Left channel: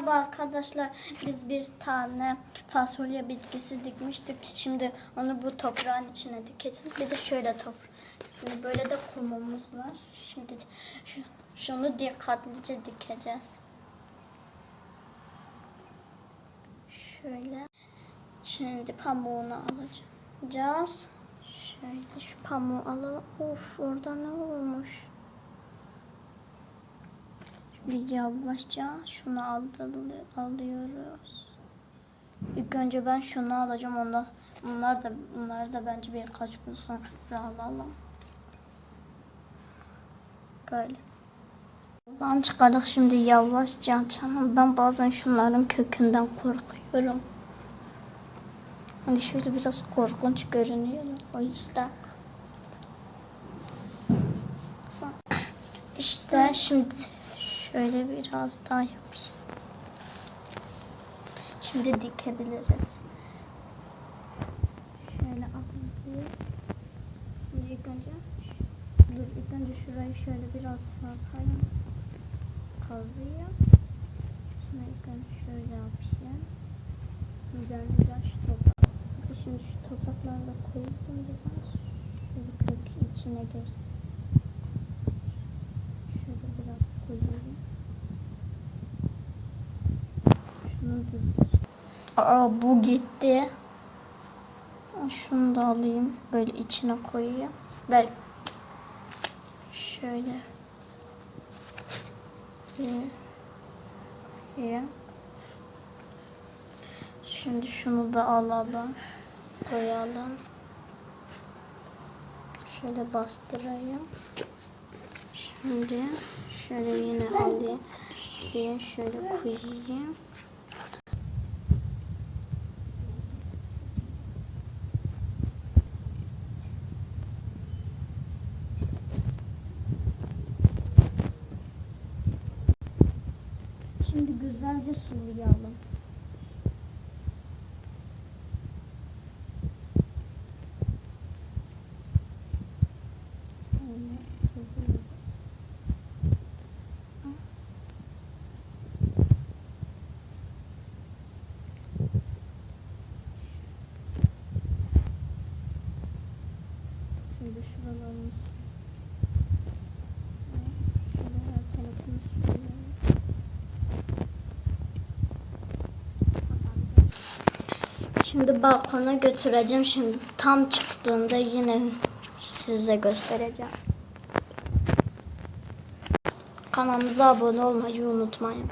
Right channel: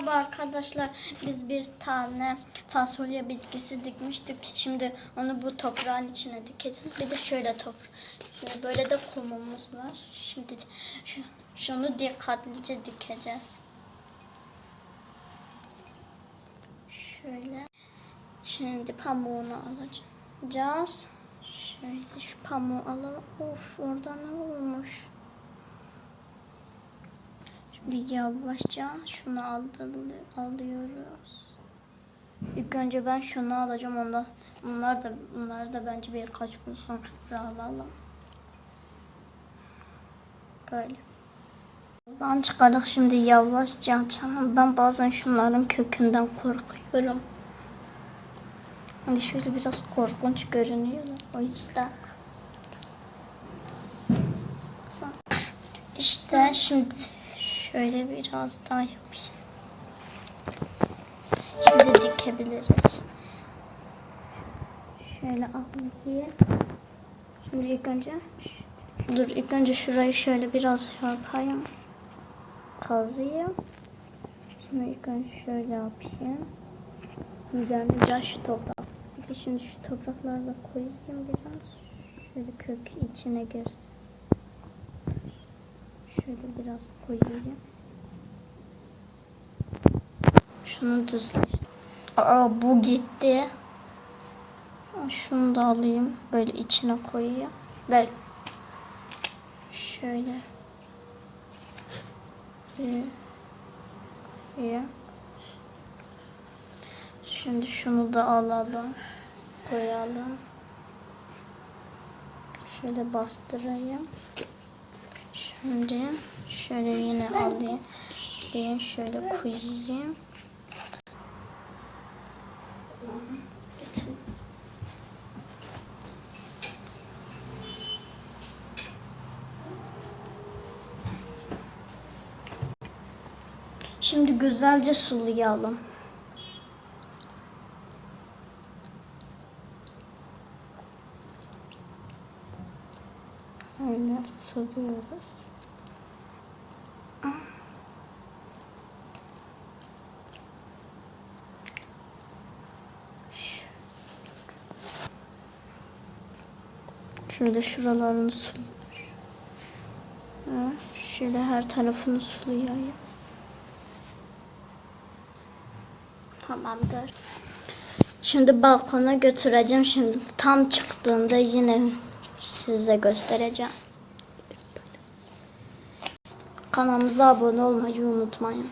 Merhaba arkadaşlar. Biz bir tane fasulye bitkisi dikmiştik. Şimdi onu bu toprağın içine dikeceğiz. Bir de şöyle top. Şimdi böyle de kumumuz var. Şimdi şu- şunu dikkatlice dikeceğiz. Şöyle. Şimdi pamuğunu alacağız. Şöyle şu pamuğu alalım. Of orada ne olmuş? Yavaşça şunu alıyoruz. İlk önce ben şunu alacağım. Ondan bunlar da bunlar da bence birkaç gün sonra alalım. Böyle. Buradan çıkardık şimdi yavaşça açalım. Ben bazen şunların kökünden korkuyorum. Hani şöyle biraz korkunç görünüyor da o yüzden. İşte şimdi şöyle biraz daha yapayım. Şimdi dikebiliriz. Şöyle alayım. Şimdi ilk önce dur ilk önce şurayı şöyle biraz yapayım. Kazıyım. Şimdi ilk önce şöyle yapayım. Üzerine biraz şu toprak. Şimdi şu toprakları da koyayım biraz. Şöyle kök içine girsin. Şöyle biraz koyayım. Şunu düzleş. Aa bu gitti. Şunu da alayım. Böyle içine koyayım. Böyle. Şöyle. Bir. Şimdi şunu da alalım. Koyalım. Şöyle bastırayım. Şimdi şöyle yine alayım. Alayım, Şöyle koyayım. Şimdi güzelce sulayalım. Öyle suluyoruz. Şöyle şuralarını sul. Ha, Şöyle her tarafını sulayayım. Tamamdır. Şimdi balkona götüreceğim. Şimdi tam çıktığında yine size göstereceğim. Kanalımıza abone olmayı unutmayın.